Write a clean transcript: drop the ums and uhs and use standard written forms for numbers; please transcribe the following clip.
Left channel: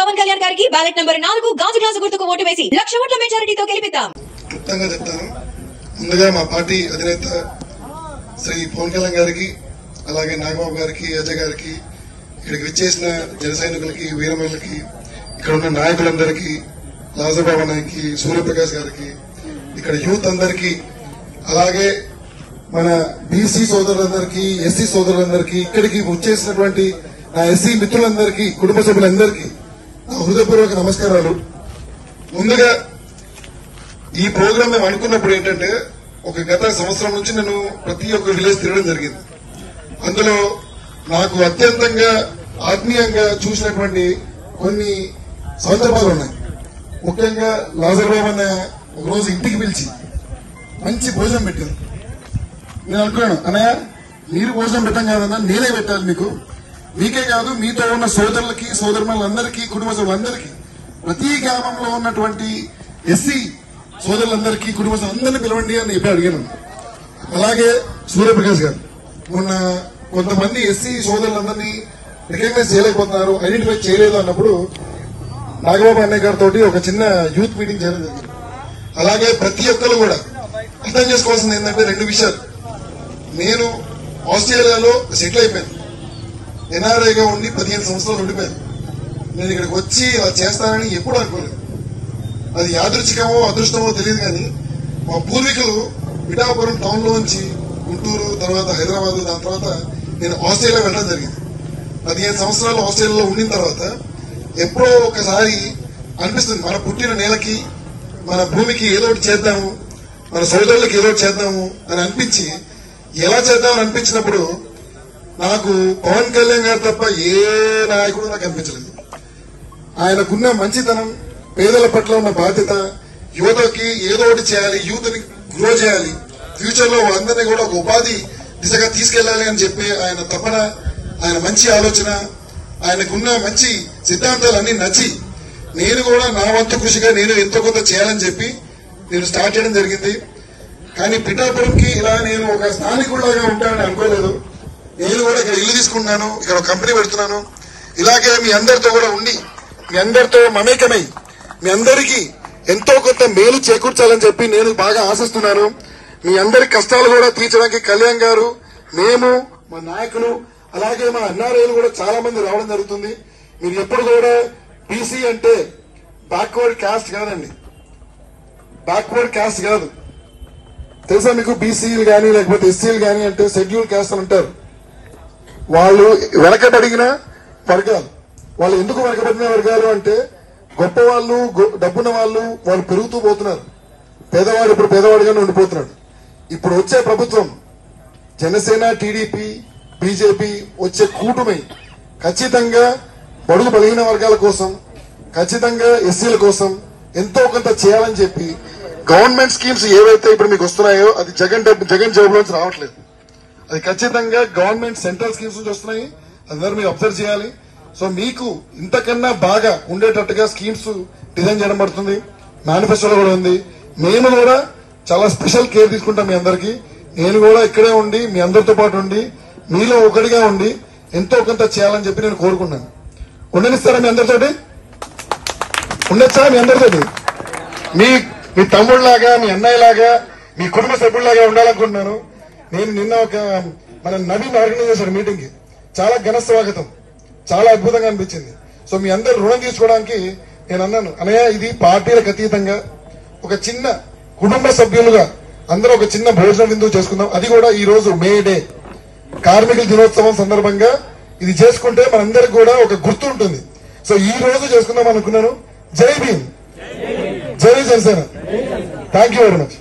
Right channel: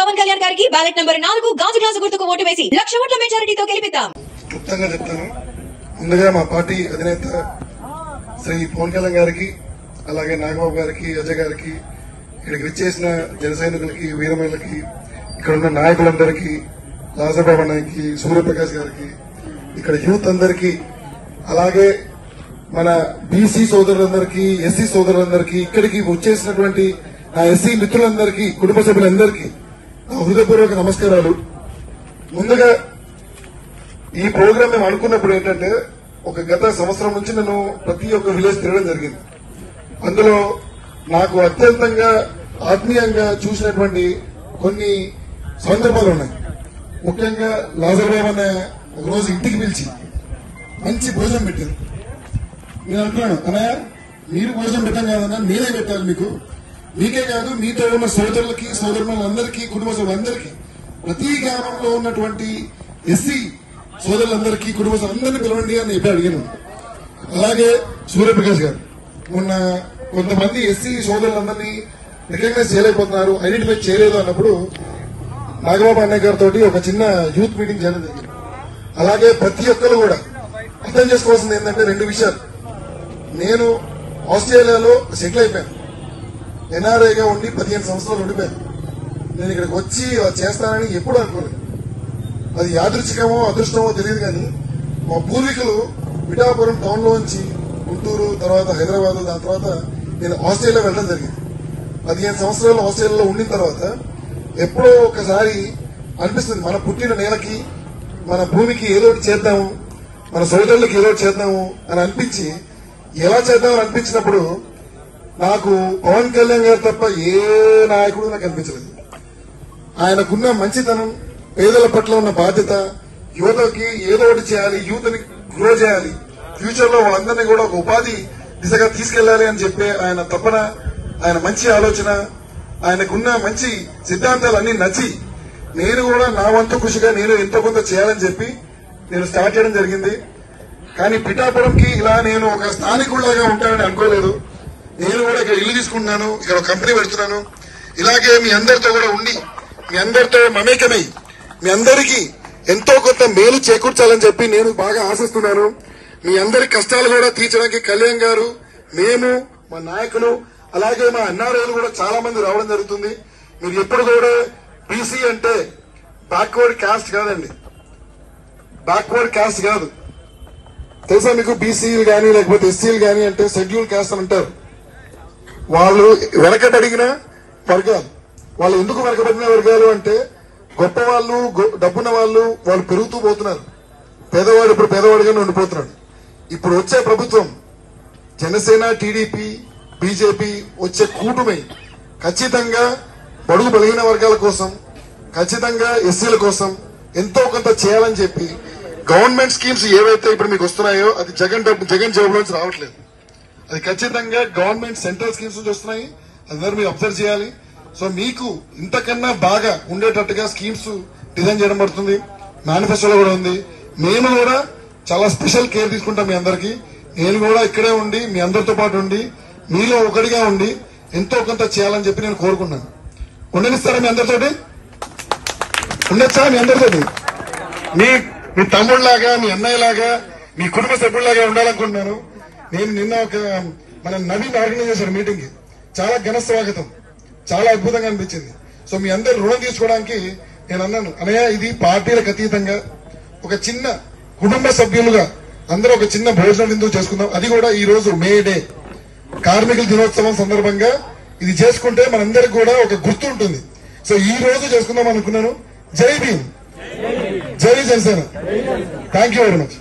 పవన్ కళ్యాణ్ గారికి ballot number 4 గాజు glass గుర్తుకు ఓటు వేసి 1,00,000 ఓట్ల మెజారిటీతో గెలిపిద్దాం. ముందుగా మా పార్టీ అధినేత శ్రీ పవన్ కళ్యాణ్ గారికి, అలాగే నాగబాబు గారికి, అజయ్ గారికి, ఇక్కడికి విచ్చేసిన జన సైనికులకి, వీరమల్లకి, ఇక్కడ ఉన్న నాయకులందరికీ, రాజబాబు గారికి, సూర్యప్రకాష్ గారికి, ఇక్కడ యూత్ అందరికీ, అలాగే మన బీసీ సోదరులందరికీ, ఎస్సీ సోదరులందరికీ, ఇక్కడికి వచ్చేసినటువంటి నా ఎస్సీ మిత్రులందరికీ, కుటుంబ సభ్యులందరికీ నా హృదయపూర్వక నమస్కారాలు. ముందుగా ఈ ప్రోగ్రామ్ మేము అనుకున్నప్పుడు ఏంటంటే, ఒక గత సంవత్సరం నుంచి నేను ప్రతి ఒక్క విలేజ్ తిరగడం జరిగింది. అందులో నాకు అత్యంతంగా ఆత్మీయంగా చూసినటువంటి కొన్ని సందర్భాలు ఉన్నాయి. ముఖ్యంగా లాజర్బాబు అనే ఒకరోజు ఇంటికి పిలిచి మంచి భోజనం పెట్టారు. నేను అనుకున్నాను, అన్నయ్య మీరు భోజనం పెట్టాం కాదన్నా, నేనే పెట్టాలి మీకు. మీకే కాదు, మీతో ఉన్న సోదరులకి, సోదరులందరికీ, కుటుంబ సభ్యులందరికీ, ప్రతి గ్రామంలో ఉన్నటువంటి ఎస్సీ సోదరులందరికీ, కుటుంబ సభ్యులందరినీ పిలవండి అని చెప్పి అడిగాను. అలాగే సూర్యప్రకాష్ గారు మొన్న కొంతమంది ఎస్సీ సోదరులందరినీ రికగ్నైజ్ చేయలేకపోతున్నారు, ఐడెంటిఫై చేయలేదు అన్నప్పుడు నాగబాబు అన్నయ్య గారితో ఒక చిన్న యూత్ మీటింగ్ చేయడం జరిగింది. అలాగే ప్రతి ఒక్కరు కూడా అర్థం చేసుకోవాల్సింది ఏంటంటే 2 విషయాలు. నేను ఆస్ట్రేలియాలో సెటిల్ అయిపోయాను, ఎన్ఆర్ఐగా ఉండి 15 సంవత్సరాలు ఉండిపోయాను. నేను ఇక్కడికి వచ్చి ఇలా చేస్తానని ఎప్పుడు అనుకోలేదు. అది యాదృచ్ఛికమో అదృష్టమో తెలియదు, కానీ మా పూర్వీకులు పిఠాపురం టౌన్ లో నుంచి గుంటూరు, తర్వాత హైదరాబాద్, దాని తర్వాత నేను ఆస్ట్రేలియా వెళ్ళడం జరిగింది. 15 సంవత్సరాలు ఆస్ట్రేలియాలో ఉండిన తర్వాత ఎప్పుడో ఒకసారి అనిపిస్తుంది, మన పుట్టిన నేలకి, మన భూమికి ఏదో ఒకటి చేద్దాము, మన సోదరులకి ఏదో ఒకటి చేద్దాము అని అనిపించి, ఎలా చేద్దామని అనిపించినప్పుడు నాకు పవన్ కళ్యాణ్ గారు తప్ప ఏ నాయకుడు నాకు అనిపించలేదు. ఆయనకున్న మంచితనం, పేదల పట్ల ఉన్న బాధ్యత, యువతకి ఏదో ఒకటి చేయాలి, యూత్ ని గ్రో చేయాలి, ఫ్యూచర్ లో అందరినీ కూడా ఒక ఉపాధి దిశగా తీసుకెళ్లాలి అని చెప్పే ఆయన తపన, ఆయన మంచి ఆలోచన, ఆయనకున్న మంచి సిద్ధాంతాలు అన్ని నచ్చి నేను కూడా నా వంతు కృషిగా నేను ఎంతో కొంత చేయాలని చెప్పి నేను స్టార్ట్ చేయడం జరిగింది. కానీ పిఠాపురంకి ఇలా నేను ఒక స్థానికుడిలాగా ఉంటానని అనుకోలేదు. నేను కూడా ఇక్కడ ఇల్లు తీసుకున్నాను, ఇక్కడ ఒక కంపెనీ పెడుతున్నాను. ఇలాగే మీ అందరితో కూడా ఉండి, మీ అందరితో మమేకమై, మీ అందరికీ ఎంతో కొంత మేలు చేకూర్చాలని చెప్పి నేను బాగా ఆశిస్తున్నాను. మీ అందరి కష్టాలు కూడా తీర్చడానికి కళ్యాణ్ గారు, మేము, మా నాయకులు, అలాగే మా ఎన్ఆర్ఐలు కూడా చాలా మంది రావడం జరుగుతుంది. మీరు ఎప్పుడు కూడా బీసీ అంటే బ్యాక్వర్డ్ క్యాస్ట్ కాదండి, బ్యాక్వర్డ్ క్యాస్ట్ కాదు. తెలుసా మీకు? బీసీలు కానీ లేకపోతే ఎస్సీలు కానీ అంటే షెడ్యూల్ క్యాస్ట్ అని అంటారు. వాళ్ళు వెనకబడిన వర్గాలు. వాళ్ళు ఎందుకు వెనకబడిన వర్గాలు అంటే, గొప్ప వాళ్ళు, డబ్బున్న వాళ్ళు పెరుగుతూ పోతున్నారు. పేదవాడు ఇప్పుడు పేదవాడిగానే ఉండిపోతున్నాడు. ఇప్పుడు వచ్చే ప్రభుత్వం జనసేన, టీడీపీ, బీజేపీ వచ్చే కూటమి ఖచ్చితంగా బడుగు బలిగిన వర్గాల కోసం, ఖచ్చితంగా ఎస్సీల కోసం ఎంతో కొంత చేయాలని చెప్పి గవర్నమెంట్ స్కీమ్స్ ఏవైతే ఇప్పుడు మీకు వస్తున్నాయో అది జగన్ జాబ్ లోన్స్ రావట్లేదు. అది ఖచ్చితంగా గవర్నమెంట్ సెంట్రల్ స్కీమ్స్ నుంచి వస్తున్నాయి. అందరూ మీరు అబ్జర్వ్ చేయాలి. సో మీకు ఇంతకన్నా బాగా ఉండేటట్టుగా స్కీమ్స్ డిజైన్ చేయడం పడుతుంది. మేనిఫెస్టోలో కూడా ఉంది. మేము కూడా చాలా స్పెషల్ కేర్ తీసుకుంటాం మీ అందరికీ. నేను కూడా ఇక్కడే ఉండి, మీ అందరితో పాటు ఉండి, మీలో ఒకటిగా ఉండి ఎంతో కొంత చేయాలని చెప్పి నేను కోరుకున్నాను. ఉండనిస్తారా మీ అందరితోటి? ఉండొచ్చా మీ అందరితోటి? మీ తమ్ముళ్లాగా, మీ అన్నయ్యలాగా, మీ కుటుంబ సభ్యుల్లాగా ఉండాలనుకుంటున్నాను. నేను నిన్న మన నవీన్ ఆర్గనైజ్ చేశారు మీటింగ్ కి. చాలా ఘన స్వాగతం, చాలా అద్భుతంగా అనిపించింది. సో మీ అందరు రుణం తీసుకోవడానికి నేను అన్నాను, అన్నయ్య ఇది పార్టీలకు అతీతంగా ఒక చిన్న కుటుంబ సభ్యులుగా అందరూ ఒక చిన్న భోజనం విందు చేసుకుందాం. అది కూడా ఈ రోజు మే డే, కార్మికుల దినోత్సవం సందర్భంగా ఇది చేసుకుంటే మనందరికి కూడా ఒక గుర్తు ఉంటుంది. సో ఈ రోజు చేసుకుందాం అనుకున్నాను. జై భీమ్, జై Janasena. Thank you very much.